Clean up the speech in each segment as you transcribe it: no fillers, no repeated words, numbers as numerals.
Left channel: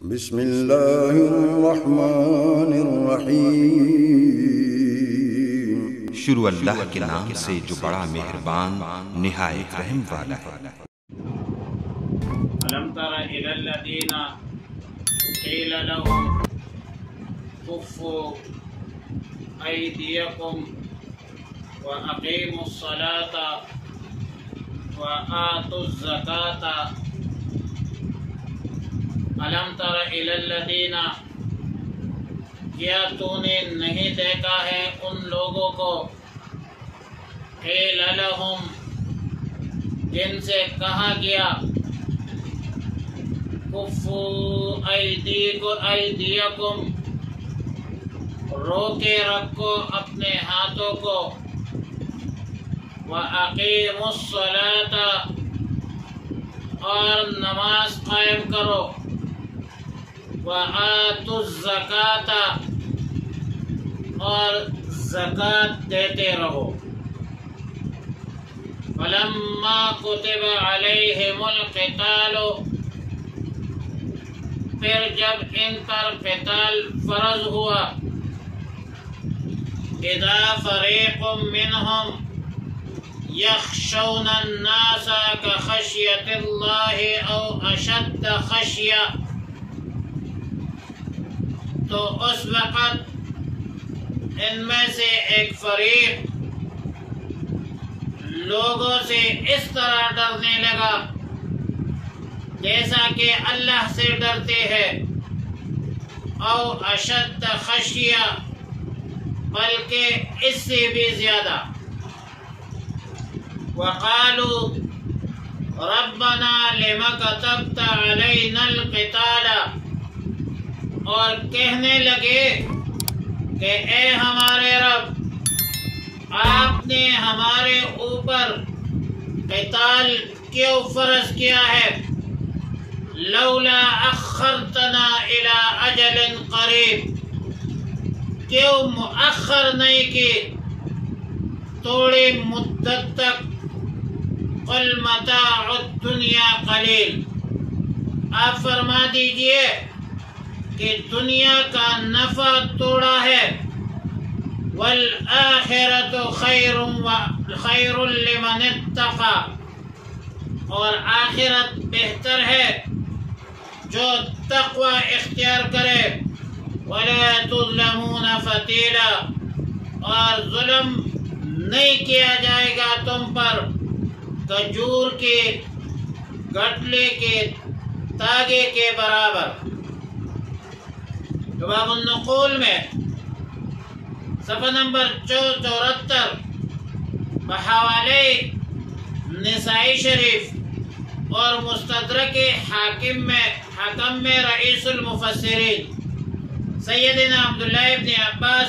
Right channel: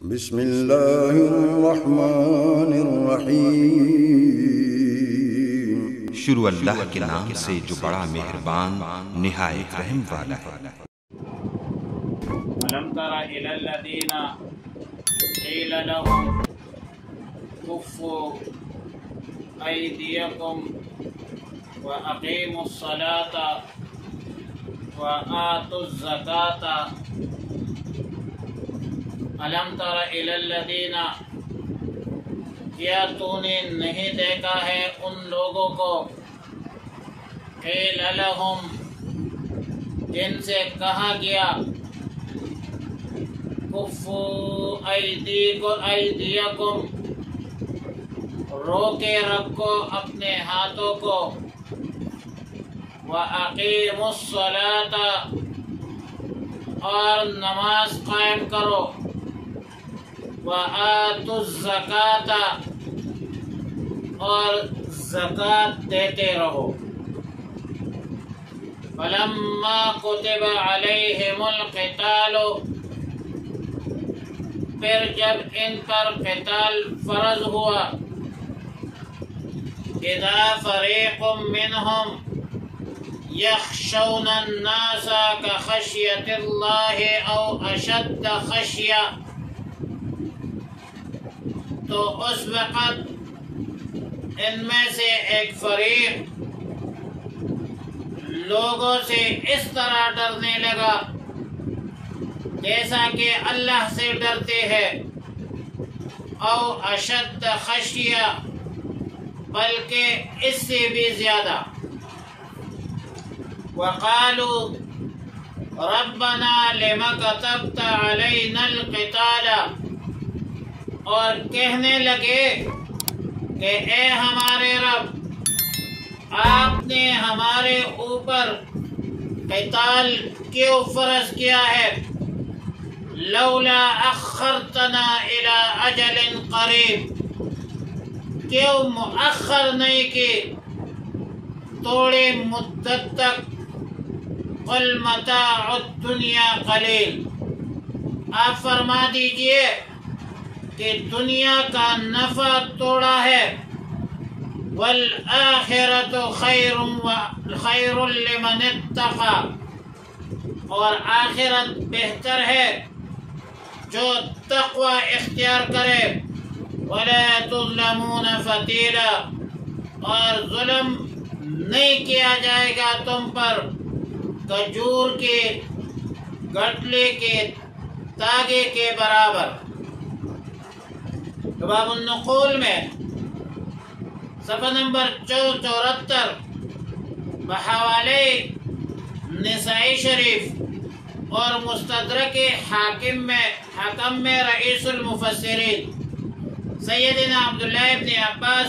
بسم اللہ الرحمن الرحیم۔ شروع اللہ کے نام سے جو بڑا مہربان نہایت رحم والا ہے۔ الم تر الی الذین قیل لهم کفوا ایدیکم واقیموا الصلاة وآتوا الزکاة۔ الم تر الی الذین، کیا تو نے نہیں دیکھا ہے ان لوگوں کو، قیل لهم، جن سے کہا گیا کفوا ایدیکم، روکے رکھو اپنے ہاتھوں کو، وَأَقِیمُوا الصَّلَاةَ، اور نماز قائم کرو، وَآتُوا الزَّکَاةَ، اور زکوٰۃ دیتے رہو۔ فَلَمَّا كُتِبَ عَلَيْهِمُ الْقِتَالُ، پھر جب ان پر قتال فرض ہوا، اِذَا فَرِیقٌ مِّنْهُمْ يَخْشَوْنَ النَّاسَ كَخَشْیَةِ اللَّهِ أَوْ أَشَدَّ خَشْیَةً، تو اس وقت ان میں سے ایک فریق لوگوں سے اس طرح ڈرنے لگا جیسا کہ اللہ سے ڈرتے ہیں، او اشد خشیہ، بلکہ اس سے بھی زیادہ، وقالوا ربنا لم كتبت علينا القتال، اور کہنے لگے کہ اے ہمارے رب، آپ نے ہمارے اوپر قتال کیوں فرض کیا ہے؟ لولا اخرتنا الى اجل قریب، کیوں مؤخر نہیں کی تھوڑی مدت تک؟ قل متاع الدنیا قلیل، آپ فرما دیجئے کہ دنیا کا نفع تھوڑا ہے، والآخرۃ خیر لمن اتقى، اور آخرت بہتر ہے جو تقوی اختیار کرے، ولا تظلمون فتیلا، اور ظلم نہیں کیا جائے گا تم پر کھجور کے گٹلے کے تاگے کے برابر۔ باب النقول میں صفحہ نمبر 74 بحوالے نسائی شریف اور مستدرک حاکم میں رئیس المفسرین سیدنا عبداللہ ابن عباس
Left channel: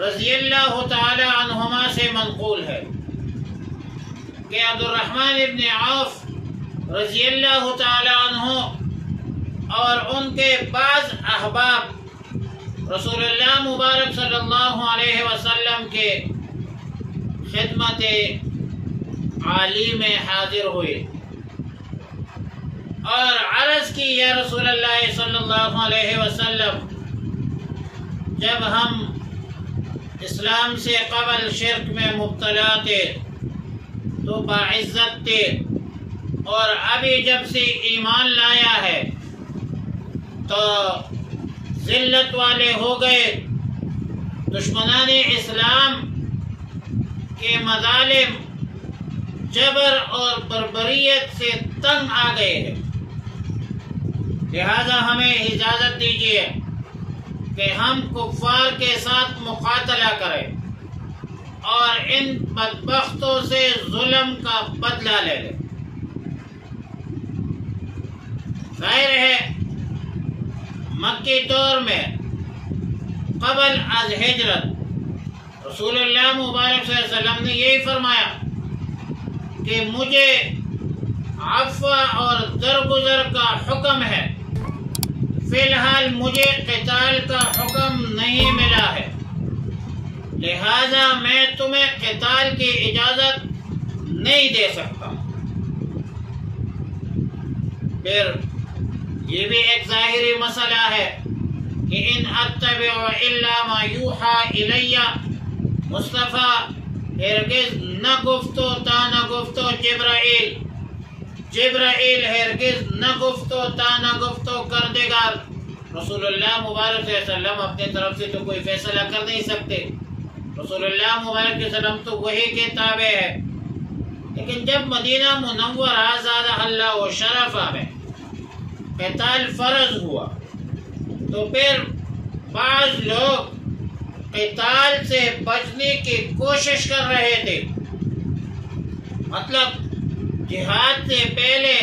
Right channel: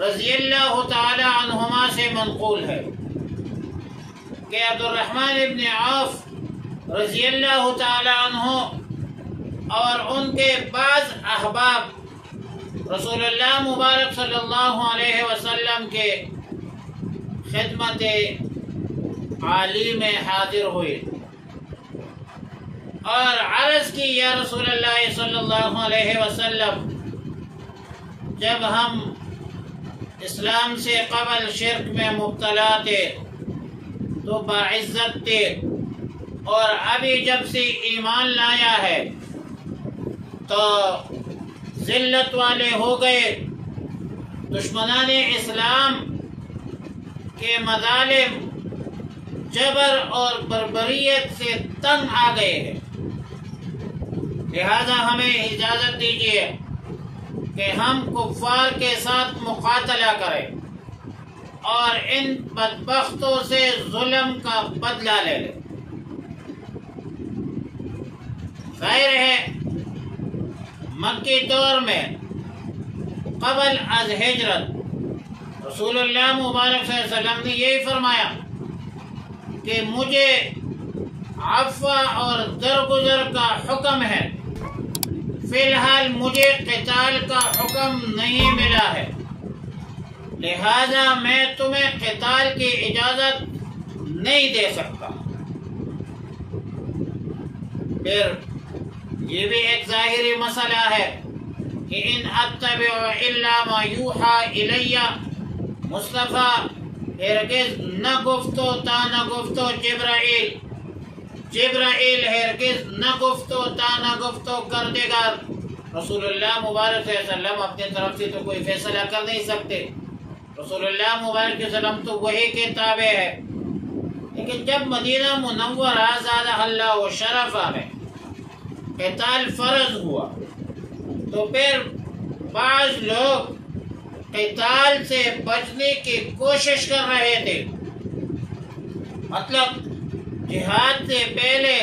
رضی اللہ تعالی عنہما سے منقول ہے کہ عبد الرحمن ابن عوف رضی اللہ تعالی عنہ اور ان کے بعض احباب رسول اللہ مبارک صلی اللہ علیہ وسلم کے خدمت عالی میں حاضر ہوئے اور عرض کی، یا رسول اللہ صلی اللہ علیہ وسلم، جب ہم اسلام سے قبل شرک میں مبتلا تھے تو باعزت تھے، اور ابھی جب سے ایمان لایا ہے تو ذلت والے ہو گئے، دشمنان اسلام کے مظالم، جبر اور بربریت سے تنگ آ گئے ہیں، لہذا ہمیں اجازت دیجیے کہ ہم کفار کے ساتھ مقاتلہ کریں اور ان بدبختوں سے ظلم کا بدلہ لے لیں۔ ظاہر ہے مکی دور میں قبل از ہجرت رسول اللہ مبارک صلی اللہ علیہ وسلم نے یہی فرمایا کہ مجھے عفو اور درگزر کا حکم ہے، فی الحال مجھے قتال کا حکم نہیں ملا ہے، لہذا میں تمہیں قتال کی اجازت نہیں دے سکتا۔ پھر یہ بھی ایک ظاہری مسئلہ ہے کہ ان اتبع الا ما یوحی الی، مصطفیٰ ہرگز نہ گفتو تا نہ گفتو جبرائیل ہرگز نہ گفتو تا نہ گفتو کردگار۔ رسول اللہ مبارک صلی اللہ علیہ وسلم اپنے طرف سے تو کوئی فیصلہ کر نہیں سکتے، رسول اللہ مبارک صلی اللہ علیہ وسلم تو وحی کے تابع ہے۔ لیکن جب مدینہ منورہ زادہ اللہ و شرفہ میں قتال فرض ہوا تو پھر بعض لوگ قتال سے بچنے کی کوشش کر رہے تھے، مطلب جہاد سے پہلے،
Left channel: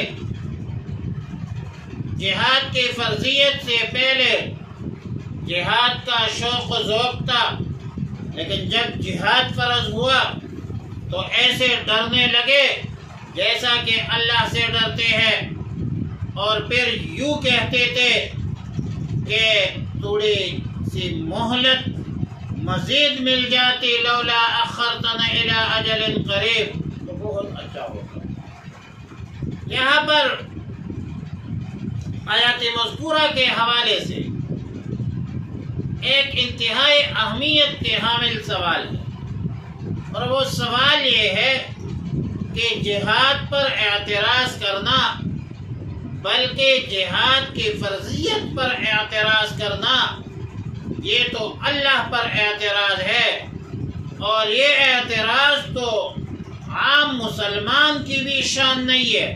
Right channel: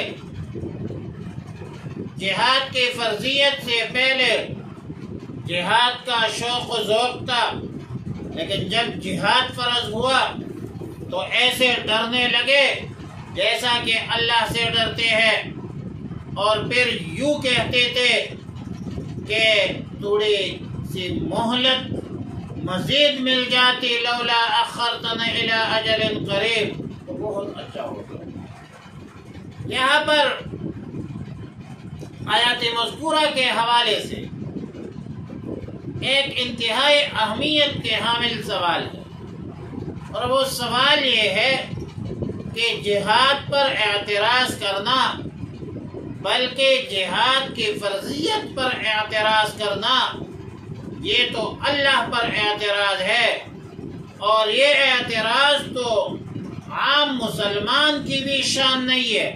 جہاد کی فرضیت سے پہلے جہاد کا شوق و ذوق تھا، لیکن جب جہاد فرض ہوا تو ایسے ڈرنے لگے جیسا کہ اللہ سے ڈرتے ہیں، اور پھر یوں کہتے تھے کہ تھوڑی سی مہلت مزید مل جاتی، لولا اخرتنا الی اجل قریب، تو بہت اچھا ہوگا۔ یہاں پر آیات مذکورہ کے حوالے سے ایک انتہائی اہمیت کے حامل سوال ہے، اور وہ سوال یہ ہے کہ جہاد پر اعتراض کرنا، بلکہ جہاد کی فرضیت پر اعتراض کرنا، یہ تو اللہ پر اعتراض ہے، اور یہ اعتراض تو عام مسلمان کی بھی شان نہیں ہے،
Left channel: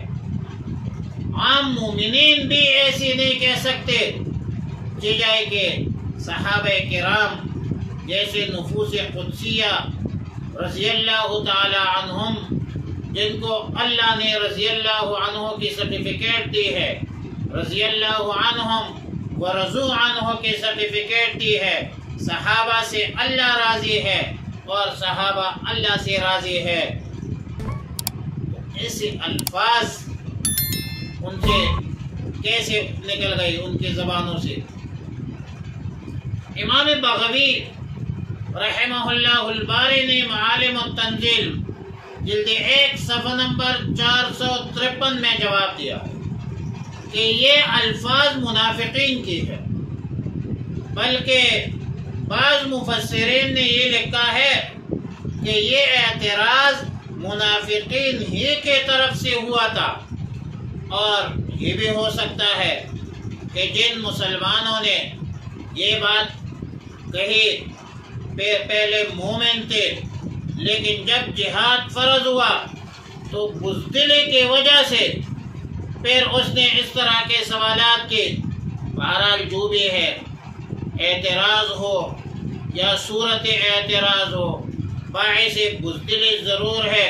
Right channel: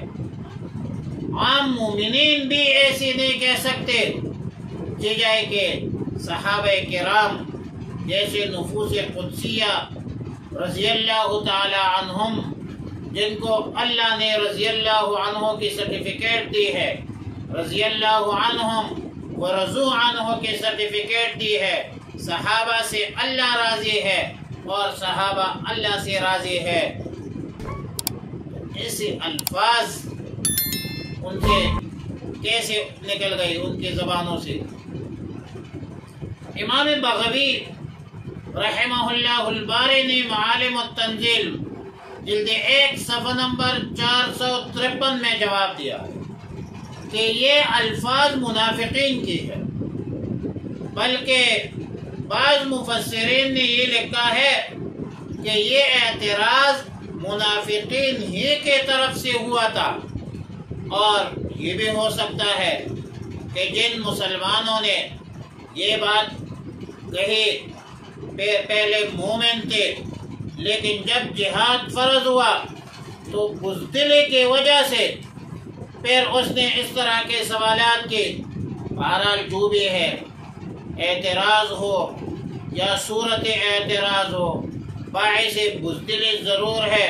عام مومنین بھی ایسی نہیں کہہ سکتے کہ جائے کہ صحابہ کرام جیسے نفوس قدسیہ رضی اللہ تعالی عنہم، جن کو اللہ نے رضی اللہ عنہ کی سرٹیفکیٹ دی ہے، رضی اللہ عنہم ورضوا عنہ کی سرٹیفکیٹ دی ہے، صحابہ سے اللہ راضی ہے اور صحابہ اللہ سے راضی ہے، ایسے الفاظ ان سے کیسے نکل گئی ان کی زبانوں سے؟ امام بغوی رحمہ اللہ الباری نے معالم التنزیل جلد 1 صفحہ نمبر 453 میں جواب دیا کہ یہ الفاظ منافقین کی ہے، بلکہ بعض مفسرین نے یہ لکھا ہے کہ یہ اعتراض منافقین ہی کی طرف سے ہوا تھا، اور یہ بھی ہو سکتا ہے کہ جن مسلمانوں نے یہ بات کہی پہلے مومن تھے، لیکن جب جہاد فرض ہوا تو بزدلی کی وجہ سے پھر اس نے اس طرح کے سوالات کی۔ بہرحال جو بھی ہے، اعتراض ہو یا صورت اعتراض ہو، باعث بزدلی ضرور ہے،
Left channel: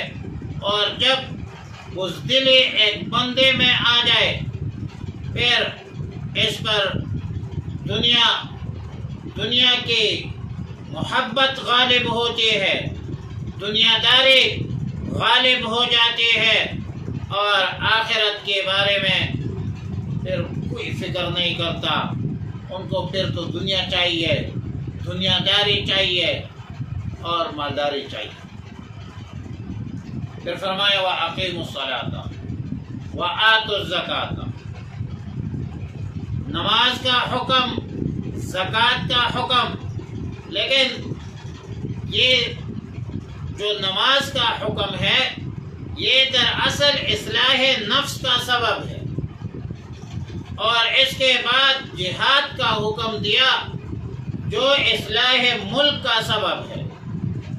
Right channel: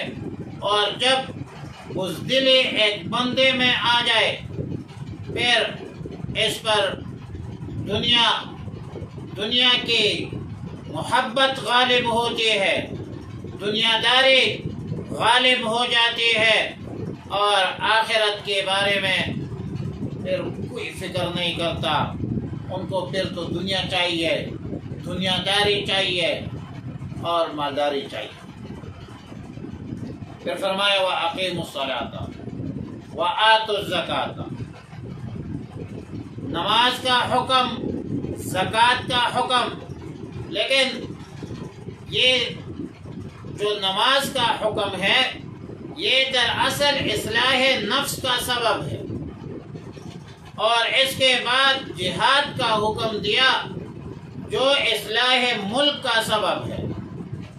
اور جب بزدلی ایک بندے میں آ جائے پھر اس پر دنیا کی محبت غالب ہوتی ہے، دنیا داری غالب ہو جاتی ہے، اور آخرت کے بارے میں پھر کوئی فکر نہیں کرتا، ان کو پھر تو دنیا چاہیے، دنیا داری چاہیے اور مالداری چاہیے۔ پھر فرمایا وَأَقِيمُوا الصَّلَاةَ وَآتُوا الزَّكَاةَ، نماز کا حکم، زکوٰۃ کا حکم، لیکن یہ جو نماز کا حکم ہے یہ دراصل اصلاح نفس کا سبب ہے، اور اس کے بعد جہاد کا حکم دیا جو اصلاح ملک کا سبب ہے،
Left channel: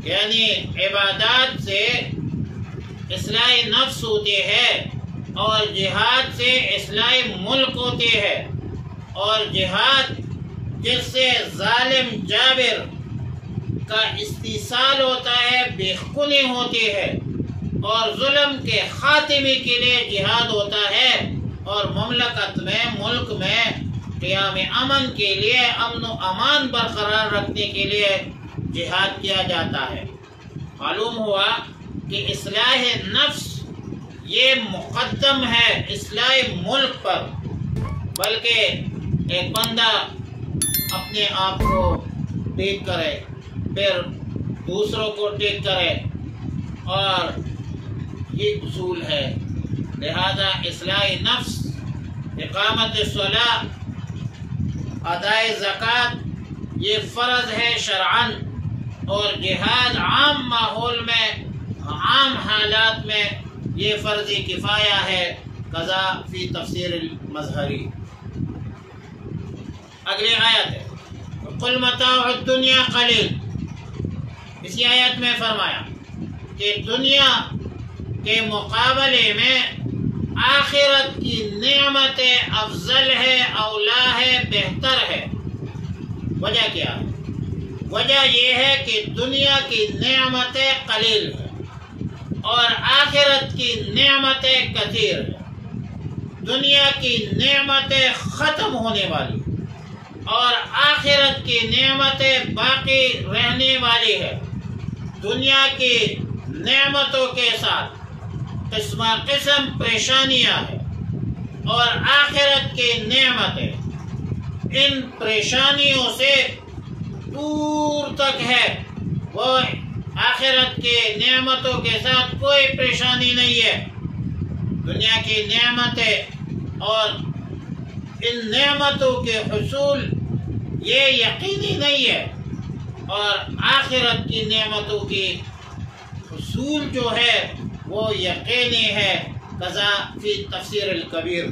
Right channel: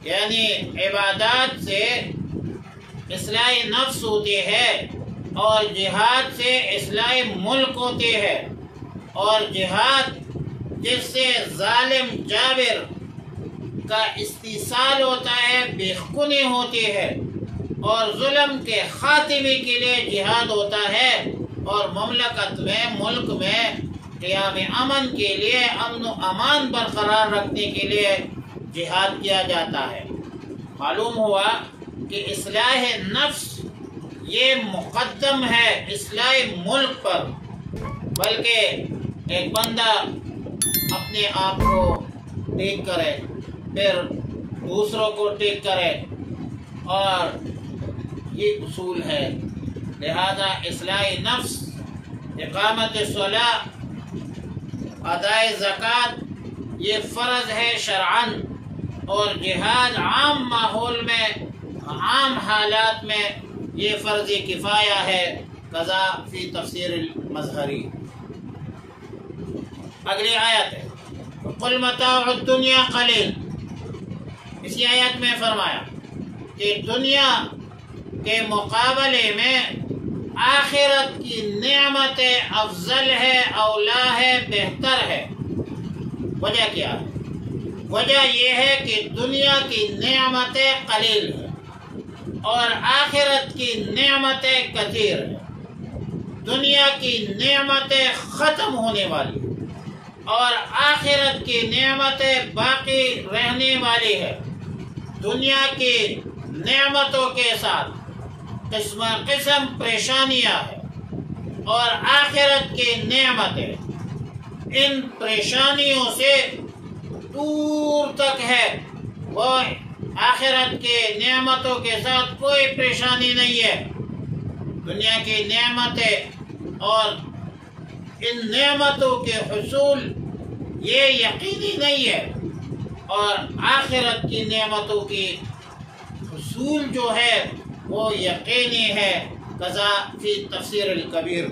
یعنی عبادات سے اصلاح نفس ہوتی ہے اور جہاد سے اصلاح ملک ہوتی ہے، اور جہاد جس سے ظالم جابر کا استیصال ہوتا ہے، بےخونی ہوتی ہے، اور ظلم کے خاتمے کے لیے جہاد ہوتا ہے، اور مملکت میں، ملک میں قیام امن کے لیے، امن و امان برقرار رکھنے کے لیے جہاد کیا جاتا ہے۔ معلوم ہوا کہ اصلاح نفس یہ مقدم ہے اصلاح ملک پر، بلکہ ایک بندہ اپنے آپ کو ٹھیک کرے، پھر دوسروں کو ٹھیک کرے، اور یہ اصول ہے۔ لہذا اصلاح نفس اقامت الصلاۃ، ادائے زکوٰۃ یہ فرض ہے شرعاً، اور جہاد عام ماحول میں، عام حالات میں یہ فرض کفایہ ہے، قضا فی تفسیر المظہری۔ اگلی آیت ہے قل متاع الدنیا قلیل۔ اسی آیت میں فرمایا کہ دنیا کے مقابلے میں آخرت کی نعمت افضل ہے، اولا ہے، بہتر ہے۔ وجہ کیا ہے؟ وجہ یہ ہے کہ دنیا کی نعمتیں قلیل ہے اور آخرت کی نعمتیں کثیر ہے۔ دنیا کی نعمتیں ختم ہونے والی اور آخرت کی نعمتیں باقی رہنے والی ہے۔ دنیا کی نعمتوں کے ساتھ قسم قسم پریشانیاں ہیں، اور آخرت کی نعمتیں ان پریشانیوں سے دور تک ہے۔ وہ آخرت کے نعمتوں کے ساتھ کوئی پریشانی نہیں ہے۔ دنیا کی نعمتیں اور ان نعمتوں کے حصول یہ یقینی نہیں ہے، اور آخرت کی نعمتوں کی حصول جو ہے وہ یقینی ہے۔ قضا فی تفسیر الکبیر،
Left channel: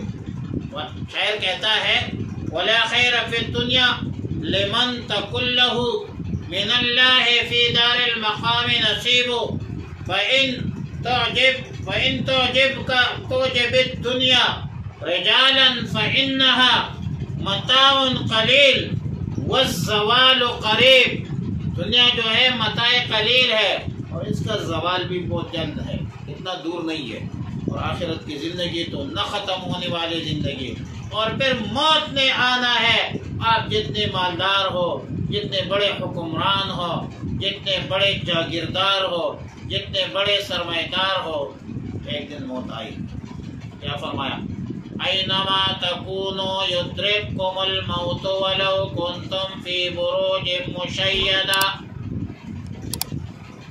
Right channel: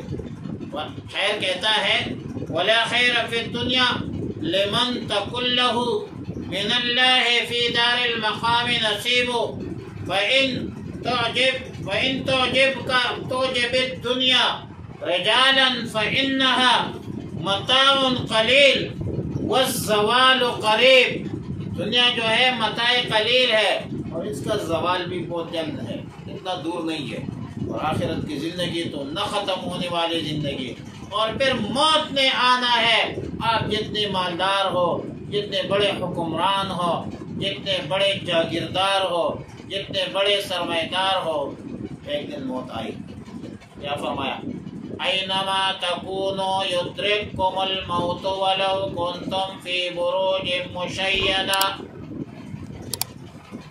شاعر کہتا ہے ولا خیر فی الدنیا لمن تکن لہ من اللہ فی دار المقام نصیب فإن تعجب الدنیا رجالا فإنها متاع قلیل والزوال قریب۔ دنیا جو ہے متاع قلیل ہے اور اس کا زوال بھی بہت جلد ہے، اتنا دور نہیں ہے۔ اور آخرت کی زندگی تو نہ ختم ہونے والی زندگی، اور پھر موت نے آنا ہے۔ آپ جتنے مالدار ہو، جتنے بڑے حکمران ہو، جتنے بڑے جاگیردار ہو، جتنے بڑے سرمایہ دار ہو، ایک دن موت آئی۔ کیا فرمایا؟ اینما تکونوا یدرککم الموت ولو کنتم فی بروج مشیدہ۔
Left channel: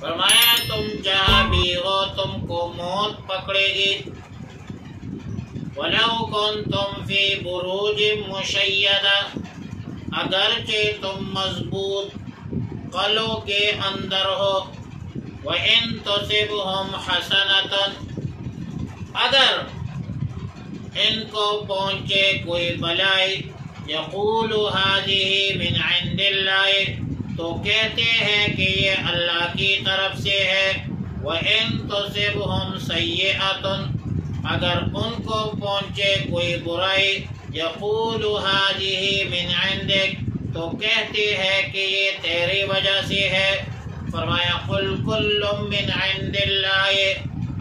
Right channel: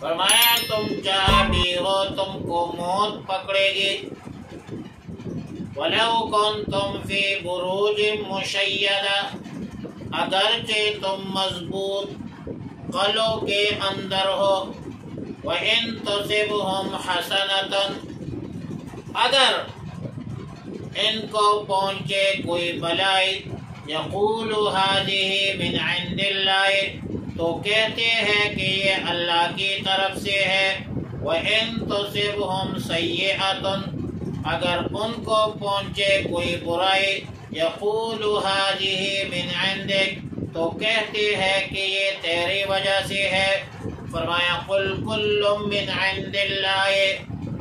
فرمایا تم جہاں بھی ہو تم کو موت پکڑے گی، وَلَوْ كُنْتُمْ فِي بُرُوجٍ مُشَيَّدَةٍ، اگرچہ تم مضبوط قلعوں کے اندر ہو، وَإِن تُصِبْهُمْ حَسَنَةٌ، اگر ان کو پہنچے کوئی بلائی، يَقُولُ هَذِهِ مِنْ عِنْدِ اللَّهِ، تو کہتے ہیں کہ یہ اللہ کی طرف سے ہے۔ وَإِن تُصِبْهُمْ سَيِّئَةٌ، اگر ان کو پہنچے کوئی برائی، یقول هذه من عندک، تو کہتے ہیں کہ یہ تیری وجہ سے ہے۔ فرمایا قل کل من عند اللہ،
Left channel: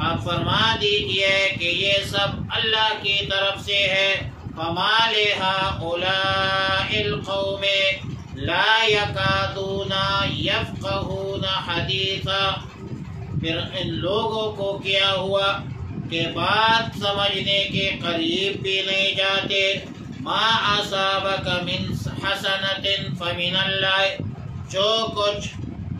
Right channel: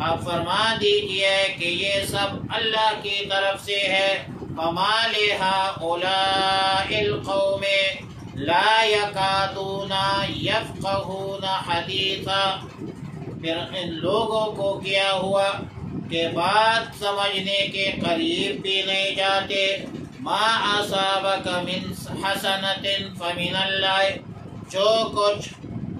آپ فرما دیجئے کہ یہ سب اللہ کی طرف سے ہے۔ فما لهؤلاء القوم لا يكادون يفقهون حدیثا، پھر ان لوگوں کو کیا ہوا کہ بات سمجھنے کے قریب بھی نہیں جاتے۔ ما اصابک من حسنۃ فمن اللہ، جو کچھ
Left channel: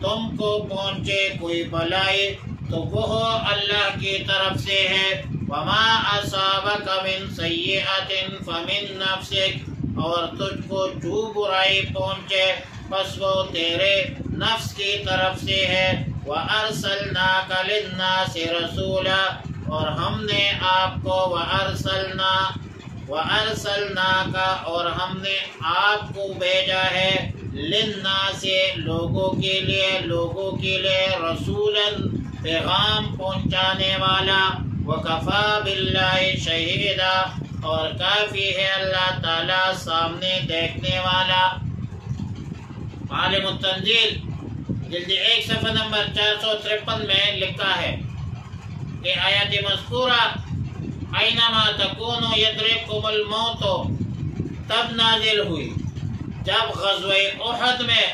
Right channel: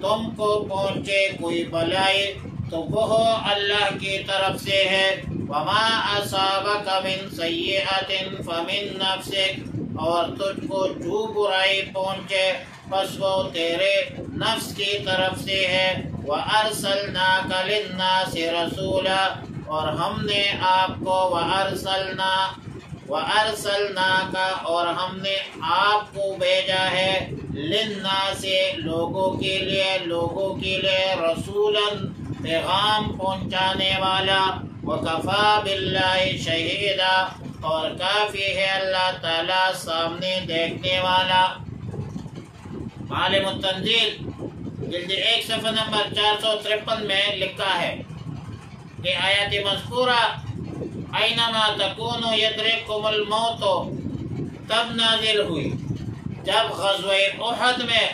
تم کو پہنچے کوئی بلائی تو وہ اللہ کی طرف سے ہے۔ وما اصابک من سیئۃ فمن نفسک، اور تجھ کو جو برائی پہنچے پس وہ تیرے نفس کی طرف سے ہے۔ وارسلناک للناس رسولا، اور ہم نے آپ کو وارسلناک، اور ہم نے آپ کو بھیجا ہے، للناس لوگوں کے لیے، رسولا پیغام پہنچانے والا، وکفا باللہ شہیدا، اور کافی ہے اللہ تعالیٰ سامنے دیکھنے والا۔ عالم التنزیل جلد 1 صفحہ نمبر 453 میں لکھا ہے کہ آیات مذکورہ اینما تکونوا یدرککم الموت تب نازل ہوئی جب غزوہ احد میں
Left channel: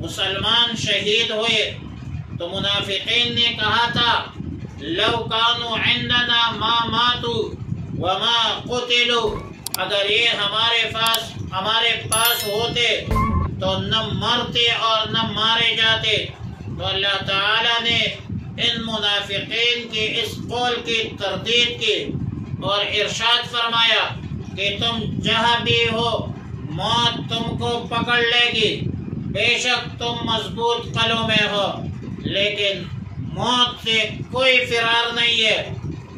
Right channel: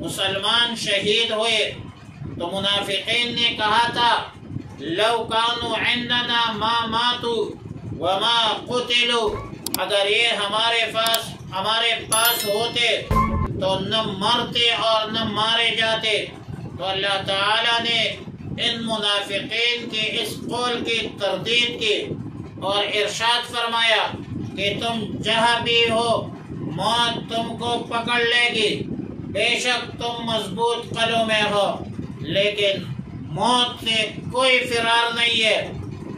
مسلمان شہید ہوئے تو منافقین نے کہا تھا لو کانوا عندنا ما ماتوا وما قتلوا، اگر یہ ہمارے پاس ہوتے تو نہ مرتے اور نہ مارے جاتے۔ تو اللہ تعالیٰ نے ان منافقین کے اس قول کی تردید کی اور ارشاد فرمایا کہ تم جہاں بھی ہو موت تم کو پکڑ لے گی، بے شک تم مضبوط قلعوں میں ہو، لیکن موت سے کوئی فرار نہیں ہے،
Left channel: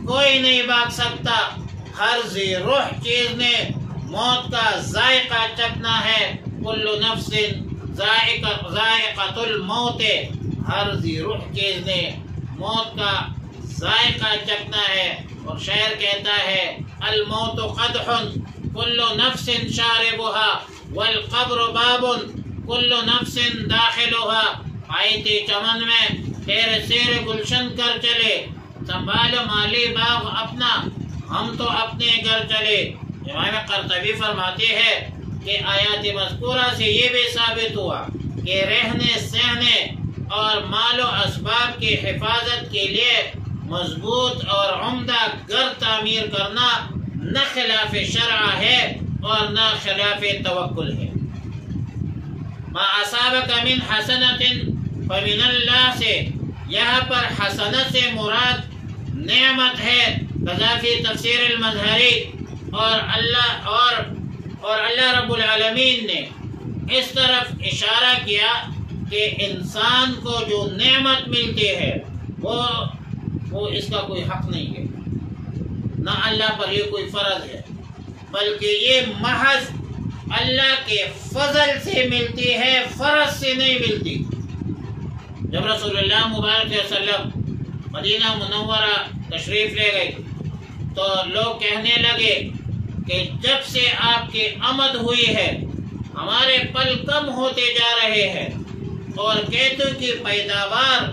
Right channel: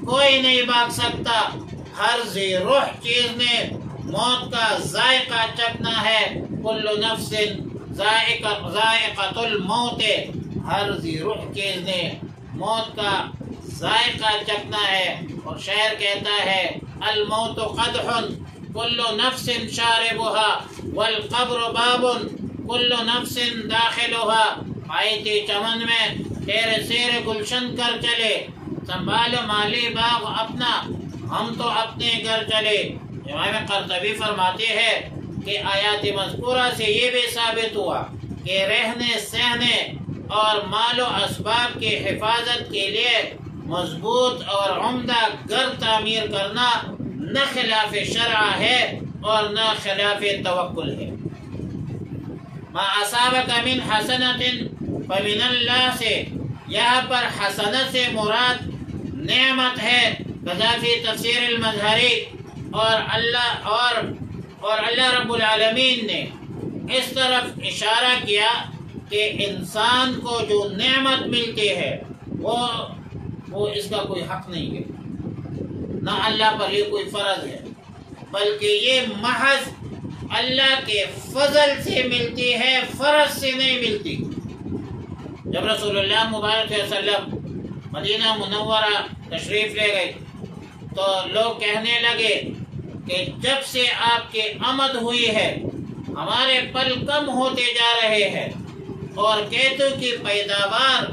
کوئی نہیں بھاگ سکتا۔ ہر ذی روح چیز نے موت کا ذائقہ چکھنا ہے، کل نفس ذائقۃ الموت، ہر ذی روح چیز نے موت کا ذائقہ چکھنا ہے۔ اور شاعر کہتا ہے الموت قدح کل نفس شاربها والقبر باب کل نفس داخلها، آئی تھی چمن میں تیرے سیر گلشن کر چلے، سنبھالو مالی باغ اپنا، ہم تو اپنے گھر چلے۔ امام قرطبی فرماتے ہیں کہ آیات مذکورہ سے یہ بھی ثابت ہوا کہ رہنے سہنے اور مال و اسباب کی حفاظت کے لیے مضبوط اور عمدہ گھر تعمیر کرنا نہ خلاف شرع ہے اور نہ خلاف توکل ہے۔ ما اصابک من حسنۃ فمن اللہ سے، یہاں پر حسنت سے مراد نعمت ہے، قذافی تفسیر المظہری، اور اللہ رب العالمین نے اس طرف اشارہ کیا کہ انسان کو جو نعمت ملتی ہے وہ اس کا کوئی حق نہیں ہے، نہ اللہ پر یہ کوئی فرض ہے، بلکہ یہ محض اللہ کے فضل سے ملتی ہے، فرض سے نہیں ملتی۔ جب رسول اللہ مبارک صلی اللہ علیہ وسلم مدینہ منورہ تشریف لے گئے تو لوگ کہنے لگے کہ جب سے آپ کی آمد ہوئی ہے ہمارے پل کم ہوتے جا رہے ہیں اور کھیتوں کی پیداوار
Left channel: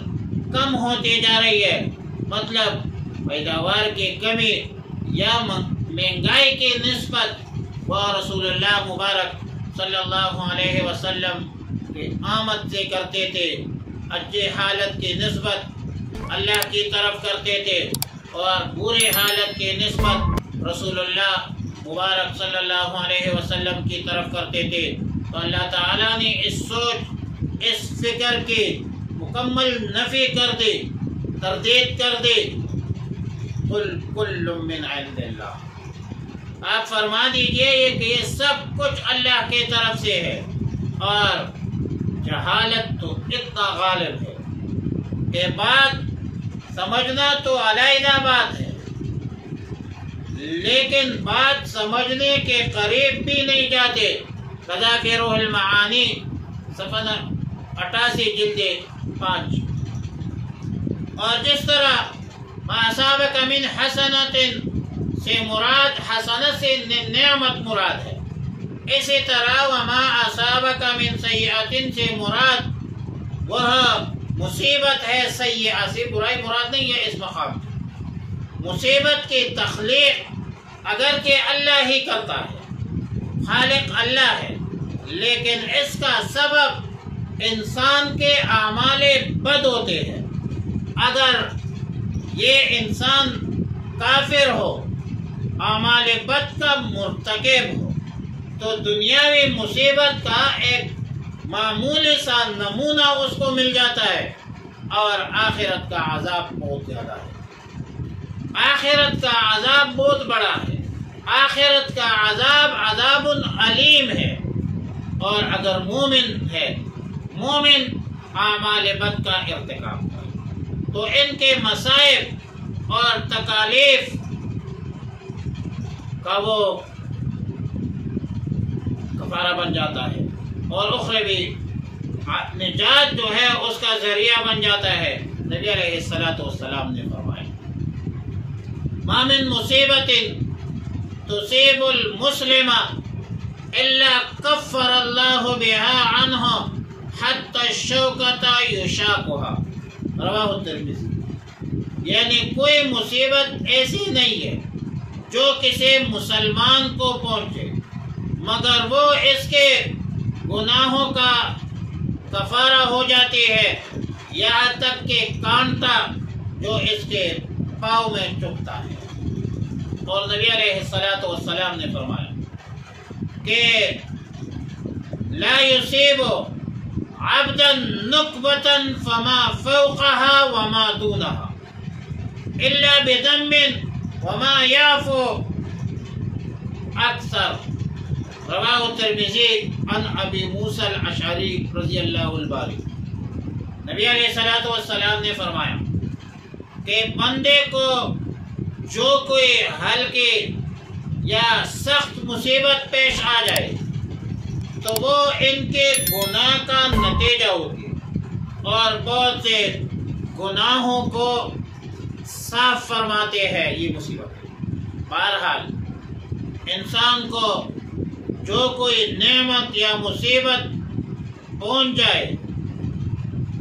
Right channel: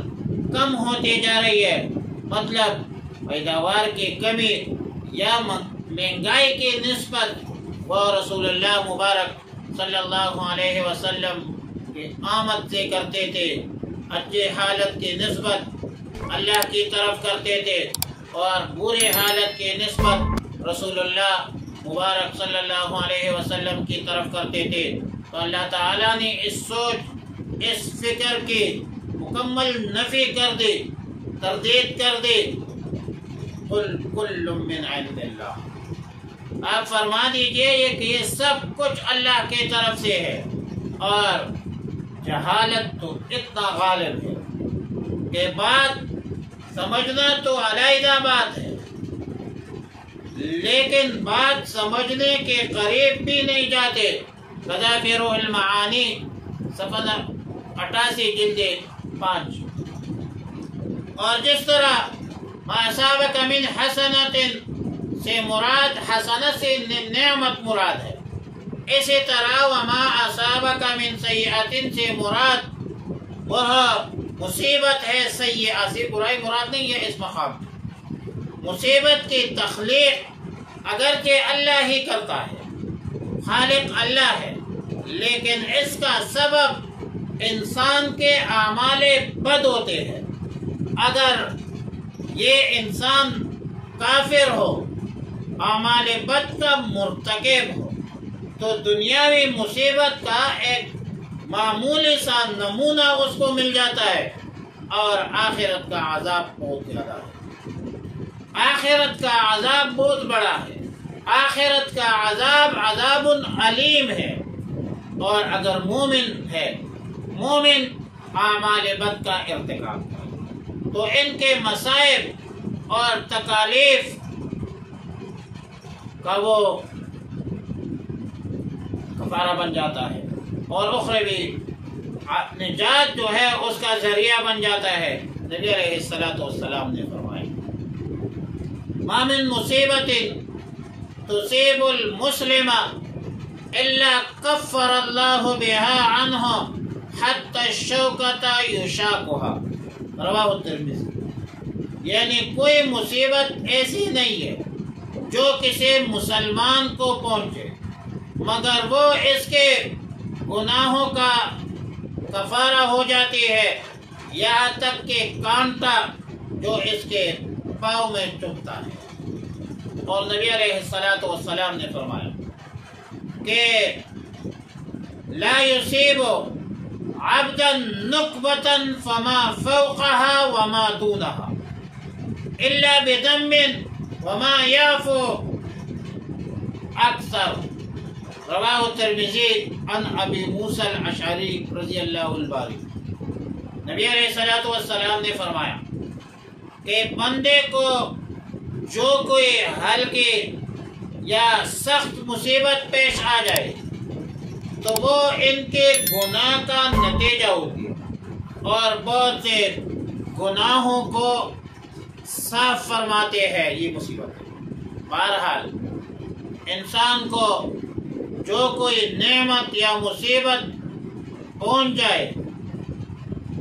کم ہوتی جا رہی ہے، مطلب پیداوار کی کمی یا مہنگائی کی نسبت وہ رسول اللہ مبارک صلی اللہ علیہ وسلم کی آمد سے کرتے تھے، اچھی حالت کی نسبت اللہ کی طرف کرتے تھے اور بری حالت کی نسبت رسول اللہ مبارک صلی اللہ علیہ وسلم کی طرف کرتے تھے۔ تو اللہ تعالیٰ نے اس سوچ اس فکر کی مکمل نفی کر دی، تردید کر دی، قل کل من عند اللہ، آپ فرما دیجئے کہ یہ سب کچھ اللہ کی طرف سے ہے۔ اور جہالت تو اتنا غالب ہے کہ بات سمجھنا تو علیحدہ بات ہے، لیکن بات سمجھنے کے قریب بھی نہیں جاتے۔ قذافی روح المعانی صفحہ 88 جلد 5۔ اور جس طرح ما اصابک من حسنۃ سے مراد حسنت سے نعمت مراد ہے، اسی طرح وما اصابک من سیئۃ سے مراد وہ مصیبت ہے، سیئہ سے برائی مراد نہیں ہے۔ اس مقام مصیبت کی تخلیق اگرچہ اللہ ہی کرتا ہے، خالق اللہ ہے، لیکن اس کا سبب انسان کے اعمال بد ہوتے ہیں۔ اگر یہ انسان کافر ہو، اعمال بد کا مرتکب ہو، تو دنیاوی مصیبت کا ایک معمولی سا نمونہ اس کو مل جاتا ہے، اور آخرت کا عذاب بہت زیادہ ہے، آخرت کا عذاب بہت بڑا ہے، آخرت کا عذاب عذاب علیم ہے۔ اور اگر مومن ہے، مومن اعمال بد کا ارتکاب کرے تو ان کے مصائب اور تکالیف کا وہ کفارہ بن جاتا ہے، اور اخروی نجات جو ہے اس کا ذریعہ بن جاتا ہے۔ نبی علیہ السلام نے فرمایا ما من مصیبت تصیب المسلم الا کفر اللہ بها عنہ حتی الشوکۃ یشاقها، رواہ الترمذی۔ یعنی کوئی مصیبت ایسی نہیں ہے جو کسی مسلمان کو پہنچے مگر وہ اس کے گناہوں کا کفارہ ہو جاتی ہے، یہاں تک کہ کانٹا جو اس کے پاؤں میں چبھتا ہے۔ اور نبی علیہ السلام نے فرمایا کہ لا یصیب عبدا نکبتا فما فوقها وما دونها الا بدم وما يعفو اکثر۔ رواہ الترمذی عن ابی موسیٰ الاشعری رضی اللہ الباری۔ نبی علیہ الصلوۃ والسلام نے فرمایا کہ بندے کو جو کوئی ہلکی یا سخت مصیبت پیش آ جائے تو وہ ان کے گناہ کا نتیجہ ہوتی ہے، اور بہت سے گناہوں کو صاف فرماتے ہیں یہ مصیبت۔ بہرحال انسان کو جو کوئی نعمت یا مصیبت پہنچ جائے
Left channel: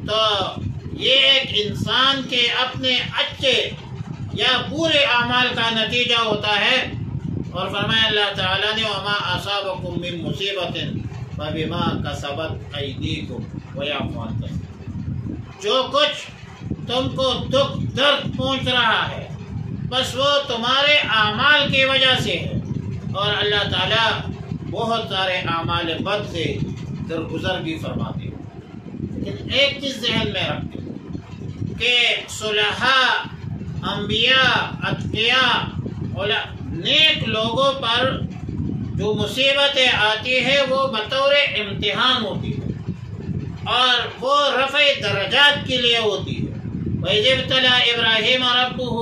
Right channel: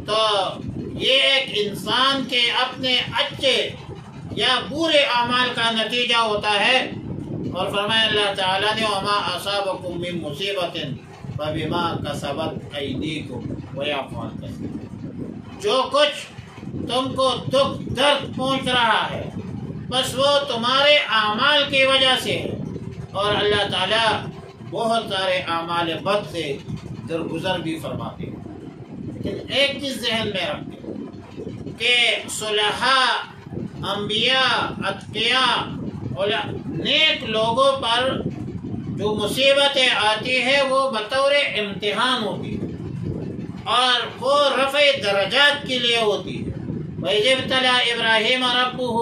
تو یہ ایک انسان کے اپنے اچھے یا برے اعمال کا نتیجہ ہوتا ہے، اور فرمایا اللہ تعالیٰ نے وما اصابکم من مصیبت فبما کسبت ایدیکم ویعفو عن کثیر۔ جو کچھ تم کو دکھ درد پہنچ رہا ہے بس وہ تمہارے اعمال کی وجہ سے ہے، اور اللہ تعالیٰ بہت سارے اعمال بد سے درگزر بھی فرماتے ہیں۔ لیکن ایک چیز ذہن میں رکھتے ہیں کہ صلحاء، انبیاء، اتقیاء، نیک لوگوں پر جو مصیبتیں آتی ہیں وہ بطور امتحان ہوتی ہے، اور وہ رفع درجات کے لیے ہوتی ہے۔ وَإِذِ ابْتَلَىٰ إِبْرَاهِيمَ رَبُّهُ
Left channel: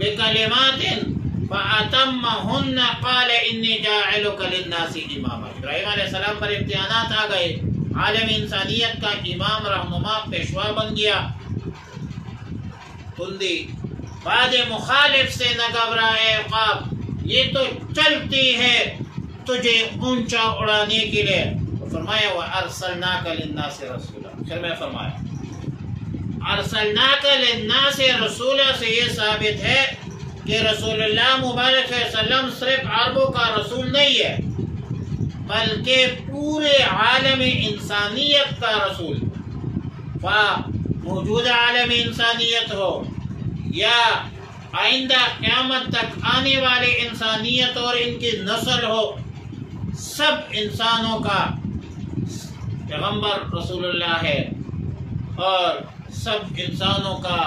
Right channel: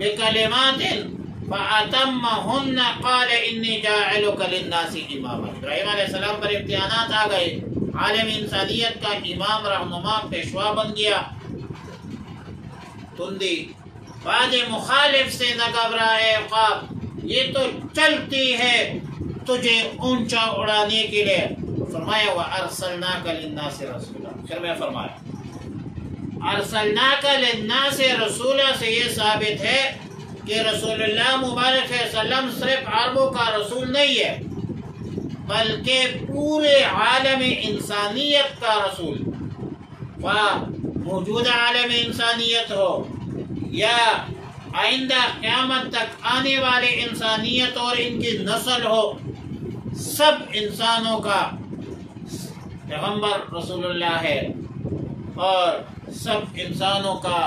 بِكَلِمَاتٍ فَأَتَمَّهُنَّ قَالَ إِنِّي جَاعِلُكَ لِلنَّاسِ إِمَامًا۔ ابراہیم علیہ السلام پر امتحانات آ گئے، عالم انسانیت کا امام، رہنما، پیشوا بن گیا۔ تندی بعد مخالف سے نہ گھبرائے خواب، یہ تو چلتی ہے تجھے اونچا اڑانے کے لیے۔ فرمایا وَأَرْسَلْنَاكَ لِلنَّاسِ رَسُولًا۔ پھر میں فرمایا ارسلناک للناس رسولا سے یہ ثابت ہے کہ رسول اللہ مبارک صلی اللہ علیہ وسلم صرف عربوں کا رسول نہیں ہے بلکہ پورے عالم انسانیت کا رسول، موجودہ عالم انسانیت ہو یا آئندہ قیامت تک آنے والے انسانیت اور ان کی نسل ہو، سب انسانوں کا پیغمبر رسول اللہ ہے، اور سب انسانوں کا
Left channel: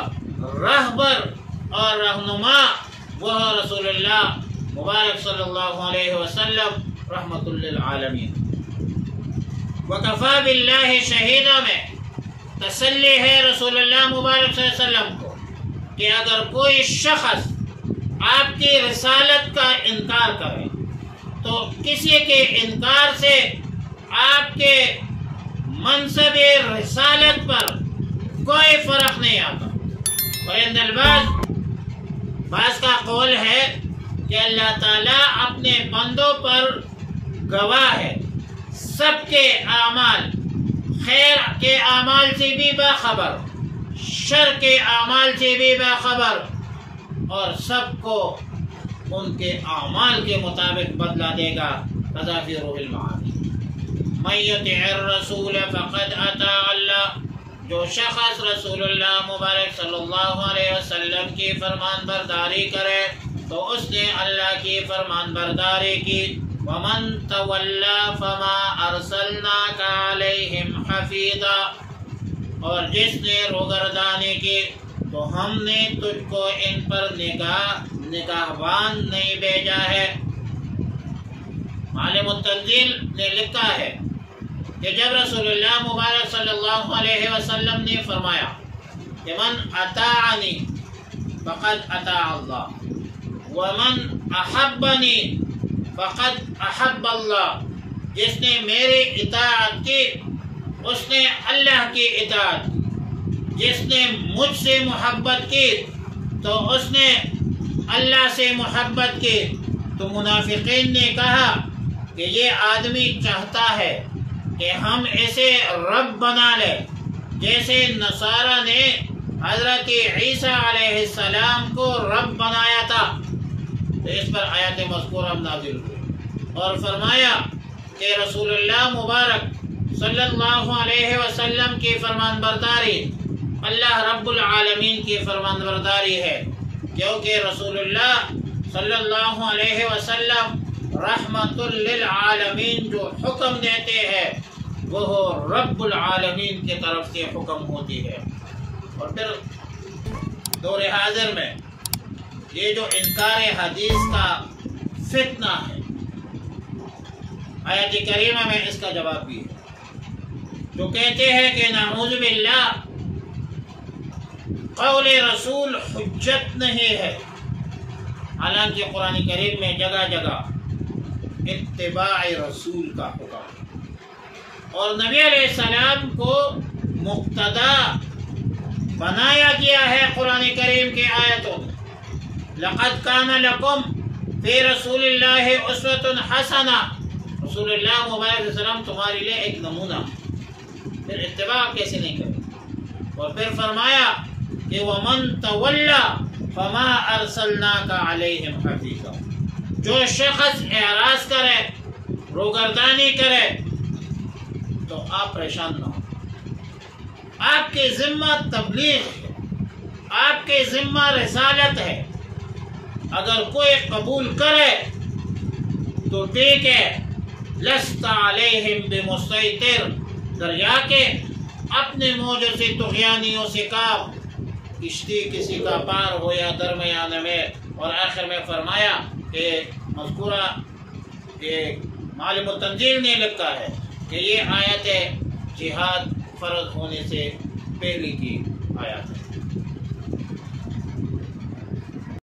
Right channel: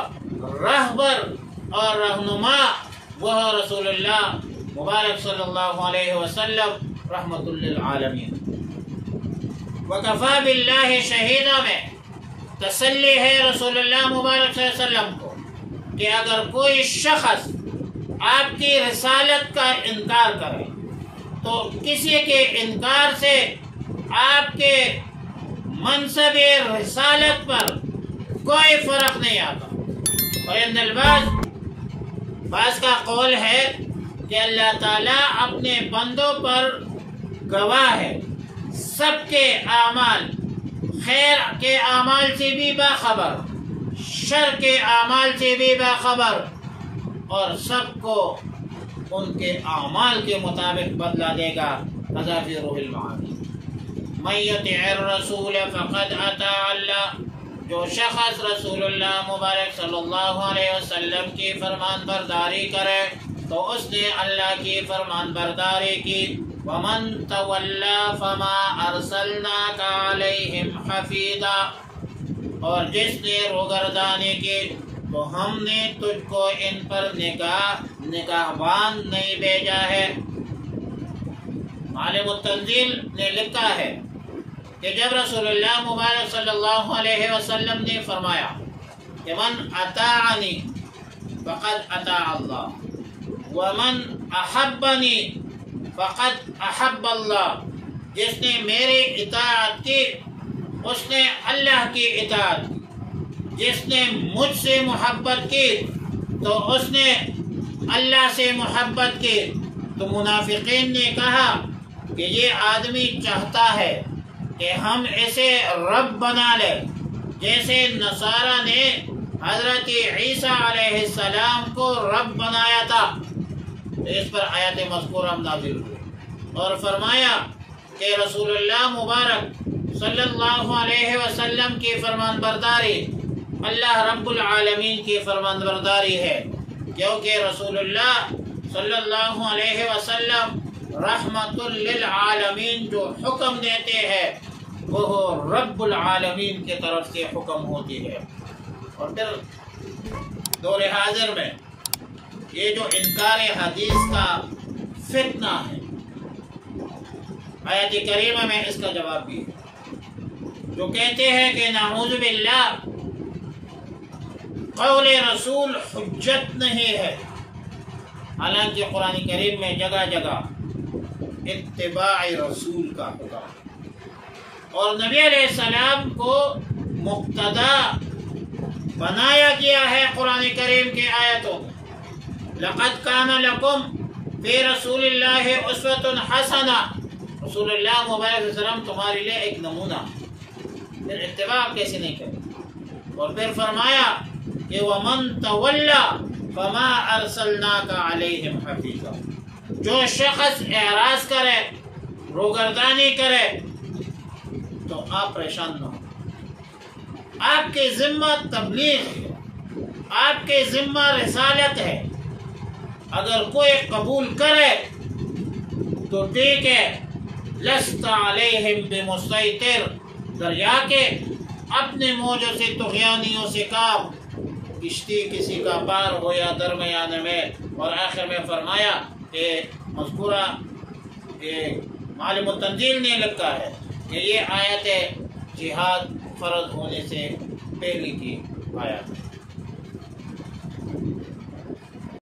رہبر اور رہنما وہ رسول اللہ مبارک صلی اللہ علیہ وسلم رحمت للعالمین۔ وکفا باللہ شہیدہ میں تسلی ہے رسول اللہ مبارک صلی اللہ علیہ وسلم کو کہ اگر کوئی شخص آپ کی رسالت کا انکار کرے تو کسی کے انکار سے آپ کے منصب رسالت پر کوئی فرق نہیں آتا۔ وَإِنَّ بعض کا قول ہے کہ اللہ تعالیٰ اپنے بندوں پر گواہ ہے، سب کے اعمال، خیر کے اعمال سے بھی باخبر، شر کے اعمال سے بھی باخبر، اور سب کو ان کے اعمال کے مطابق بدلا دے گا۔ قضا فی روح المعانی من یطع الرسول فقد اطاع اللہ۔ جو شخص رسول اللہ مبارک صلی اللہ علیہ وسلم کی فرمان برداری کرے تو اس نے اللہ کی فرمان برداری کی۔ وَمَن تَوَلَّى فَمَا أَرْسَلْنَاكَ عَلَيْهِمْ حَفِيظًا، اور جس نے روگردانی کی تو ہم نے تجھ کو ان پر نگہبان نہیں بھیجا ہے۔ عالم التنزیل نے لکھا ہے کہ جب رسول اللہ مبارک صلی اللہ علیہ وسلم نے فرمایا کہ من اطاعنی فقد اطاع اللہ ومن احبنی فقد احب اللہ، جس نے میری اطاعت کی اس نے اللہ کی اطاعت کی، جس نے مجھ سے محبت کی تو اس نے اللہ سے محبت کی۔ تو منافقین نے کہا کہ یہ آدمی چاہتا ہے کہ ہم اسے رب بنا لیں، جیسے نصارہ نے حضرت عیسیٰ علیہ السلام کو رب بنایا تھا۔ تو اس پر آیات مذکورہ نازل ہوئی اور فرمایا کہ رسول اللہ مبارک صلی اللہ علیہ وسلم کی فرمان برداری اللہ رب العالمین کی فرمان برداری ہے، کیونکہ رسول اللہ صلی اللہ علیہ وسلم رحمت للعالمین جو حکم دیتے ہیں وہ رب العالمین کی طرف سے حکم ہوتی ہے۔ اور پھر دور حاضر میں یہ جو انکار حدیث کا فتنہ ہے آیت کریمہ میں اس کا جواب بھی ہے، جو کہتے ہیں کہ نعوذ باللہ قول رسول حجت نہیں ہے، حالانکہ قرآن کریم میں جگہ جگہ اتباع رسول کا حکم اور نبی علیہ السلام کو مقتدا بنایا گیا ہے قرآن کریم کی آیتوں میں۔ لقد کان لکم فی رسول اللہ اسوۃ حسنہ، رسول اللہ مبارک علیہ السلام تمہارے لیے ایک نمونہ، پھر اتباع کیسے نہیں کرے؟ اور پھر فرمایا کہ وَمَن تَوَلَّى فَمَا أَرْسَلْنَاكَ عَلَيْهِمْ حَفِيظًا، جو شخص اعراض کرے، روگردانی کرے تو آپ پریشان نہ ہو، آپ کے ذمہ تبلیغ ہے، آپ کے ذمہ رسالت ہے، اگر کوئی قبول کرے تو ٹھیک ہے، لست علیہم بمسیطر، دریا کے اپنے موجوں سے طغیانیوں سے کام، کشتی کسی کا پار ہو یا درمیانے میں۔ اور آخر میں فرمایا کہ مذکورہ معلم التنزیل نے لکھا ہے کہ یہ آیت جہاد فرض ہونے سے پہلے کی آیت ہے۔